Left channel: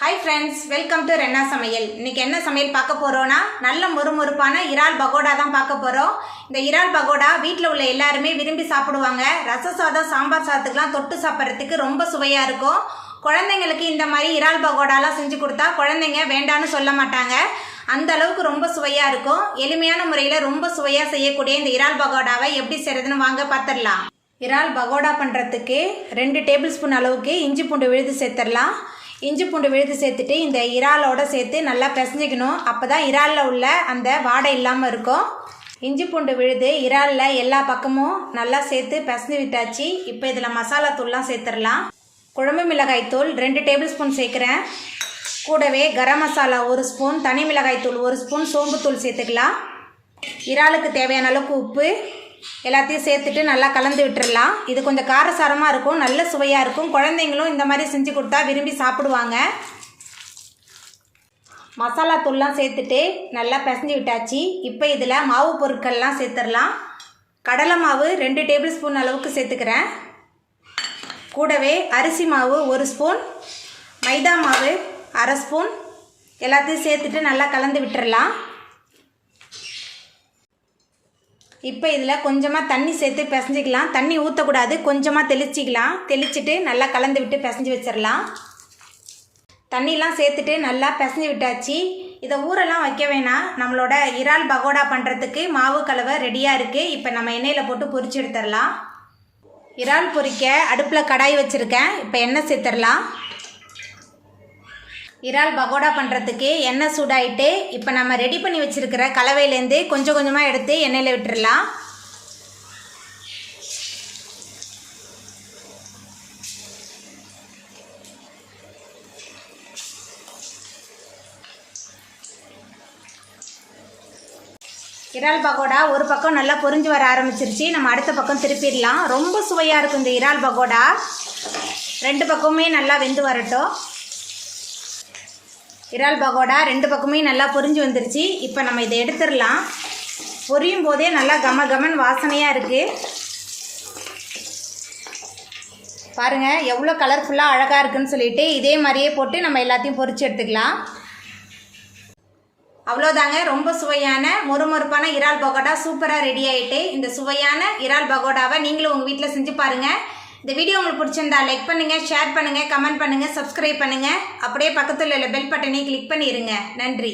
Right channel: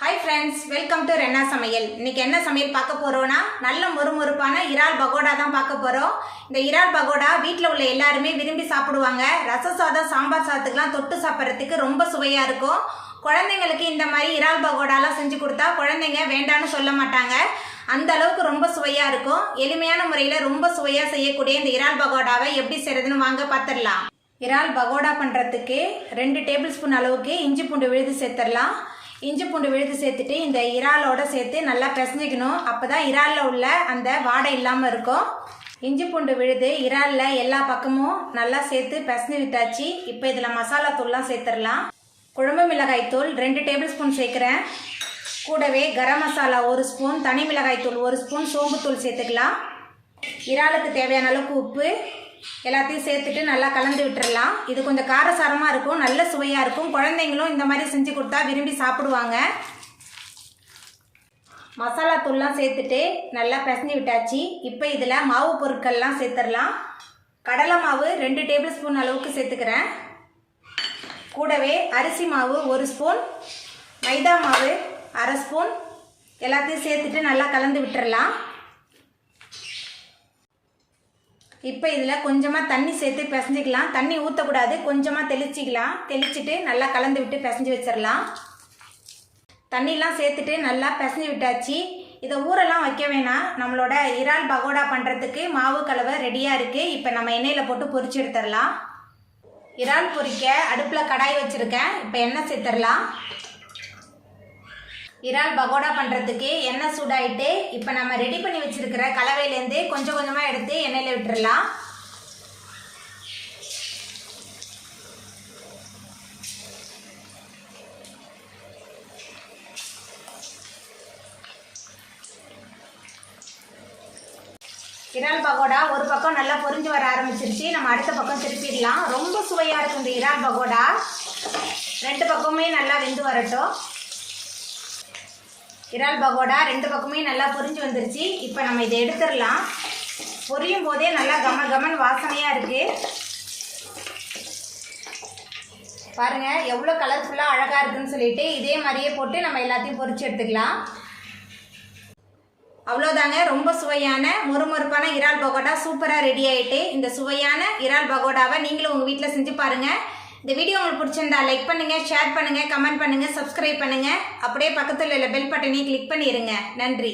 Hi friends welcome to रेन्ना समयल इनके என்ன சமையல் பார்க்க போறோம்னா நல்ல மொறுமொறுப்பான இறால் பகோடா தான் பார்க்க போறோம். இந்த இறால் பகோடா வீட்ல உள்ள எல்லாரும் விரும்பி சாப்பிடுவாங்க. ரச சாதம் சாம்பார் சாதத்துக்குலாம் தொட்டு சாப்பிடுறதுக்கு ரொம்ப சுவையா இருக்கும். குழந்தைகளுக்கு இந்த மாதிரி இறால் பகோடாலாம் செஞ்சு கொடுத்தா குழந்தைங்க வேண்டான்னு சொல்ல மாட்டாங்க. அந்த அளவுக்கு ரொம்ப சுவையா இருக்கும். எளிமையான முறையில் ரொம்ப சுவையா செய்யக்கூடிய இந்த இறால் பகோடாவை எப்படி செய்யறதுன்னு வாங்க பார்த்துடலாம். இறால் பகோடா பண்ணுறதுக்கு 2 டேபிள் ஸ்பூன் அளவுக்கு இஞ்சி பூண்டு விழுது சேர்த்துடலாம். இஞ்சி பூண்டு விழுது சேர்த்துட்டு இந்த இறாலோட சேர்த்து நல்லா பிசைஞ்சிக்கணும். அப்போ தான் இறாலில் உள்ள அந்த வாடை இல்லாமல் இருக்கும். இஞ்சி பூண்டு விழுது இறாலில் எல்லா பக்கமும் நல்லா சேர்த்து பிசைஞ்சு விட்டாச்சு. இப்போ இதில் மசாலா தூள்லாம் சேர்த்துடலாம். குழம்பு மிளகாய் தூள் 2 டேபிள் ஸ்பூன் சேர்க்குறேன். கூடவே கரம் மசாலா 1 ஸ்பூன், தனி மிளகாய் தூள் 1 ஸ்பூன், சோம்பு தூள் சேர்த்துக்கலாம். இறாலுக்கு தேவையான அளவுக்கு உப்பு எல்லாத்தையும் சேர்த்துட்டு நல்லா கலந்து விட்டுடலாம். இது கொஞ்சம் காரசாரமாக இருக்கும், நல்ல சுவையாக இருக்கும். குழந்தைங்களும் இந்த மாதிரி செஞ்சு கொடுத்தா விரும்பி சாப்பிடுவாங்க. மசாலா தூள்லாம் சேர்த்துட்டு நல்லா பிசைஞ்சு விட்டாச்சு. இப்போ இதில் மாவு பொருட்கள்லாம் சேர்த்துடலாம். கடலை மாவு 2 டேபிள் ஸ்பூன் அளவுக்கு சேர்த்துக்கிறேன். கூடவே அரிசி மாவு 1 ஸ்பூன், மைதா மாவு 1/2 ஸ்பூன் எல்லாத்தையும் சேர்த்துட்டு நல்லா கலந்து விட்டுடலாம். இப்போ இதில் கொஞ்சமாக தண்ணி சேர்த்து பிசைஞ்சிக்கலாம். தண்ணி ஊற்றக்கூடாது, கொஞ்சமாக தெளிச்சிக்கலாம். தெளிச்சுட்டு நல்லா கலந்து விட்டு பிசைஞ்சு வச்சிடலாம். தண்ணிலாம் சேர்த்துட்டு நல்லா பிசைஞ்சு விட்டாச்சு. இதை ஊரெல்லாம் வைக்க வேணாம். நம்மளோட இறால் பகோடா பண்ணுறதுக்கு மாவு கலவை ரெடியாக இருக்குது. இப்போ நம்ம எண்ணெயில் போட்டு பொரிச்சு எடுத்துடலாம். இறால் பொரிக்க அடுப்பில் கடாய் வச்சுருக்கேன். இப்போ எண்ணெய் சேர்த்துடலாம். இறால் பகோடா பண்ணுறதுக்கு எண்ணெய் சூடாயிட்டு இப்போ நம்ம ரெடி பண்ணி வச்சுருக்கிற கலவையிலேருந்து கொஞ்சம் கொஞ்சமாக எடுத்து எண்ணெயில் விட்டுடலாம். இறால் பகோடா ஒரு பக்கம் நல்லா பொரிஞ்சு வர ஆரம்பிச்சிருச்சு. நம்ம அடுத்த பக்கம் திருப்பிடலாம். ரொம்ப சுவையாக இருக்கும் இந்த இறால் பகோடா. 2 பக்கமுமே நல்லா வெந்து வரட்டும். இறால் பகோடா 2 பக்கமே நல்லா பொரிஞ்சு வந்துருச்சு. இப்போ நம்ம இதை எடுத்துடலாம். பொரியும் போதே நல்லா கமன் வாசனையாக இருக்குது. பாருங்கள் எவ்வளோ கலர்ஃபுல்லாக அழகாக இருக்குன்னு சொல்லிட்டு இதே மாதிரியே போட்டு நம்ம எல்லாத்தையும் பொரிச்சு எடுத்துக்கலாம். அவ்வளோதாங்க, ரொம்ப சுவையான மொறுமொறுப்பான இறால் பகோடா சூப்பராக ரெடி ஆகிட்டு. இந்த சுவையான இறால் பகோடாவை நீங்களும் உங்கள் வீட்டில் செஞ்சு பாருங்கள். இந்த வீடியோ உங்களுக்கு பிடிச்சிருந்தா லைக் பண்ணுங்கள், ஷேர் பண்ணுங்கள், கமெண்ட் பண்ணுங்கள், சப்ஸ்கிரைப் பண்ணுங்கள். அப்படியே பக்கத்தில் உள்ள பெல் பட்டனையும் கிளிக் பண்ணிடுங்க. நன்றி.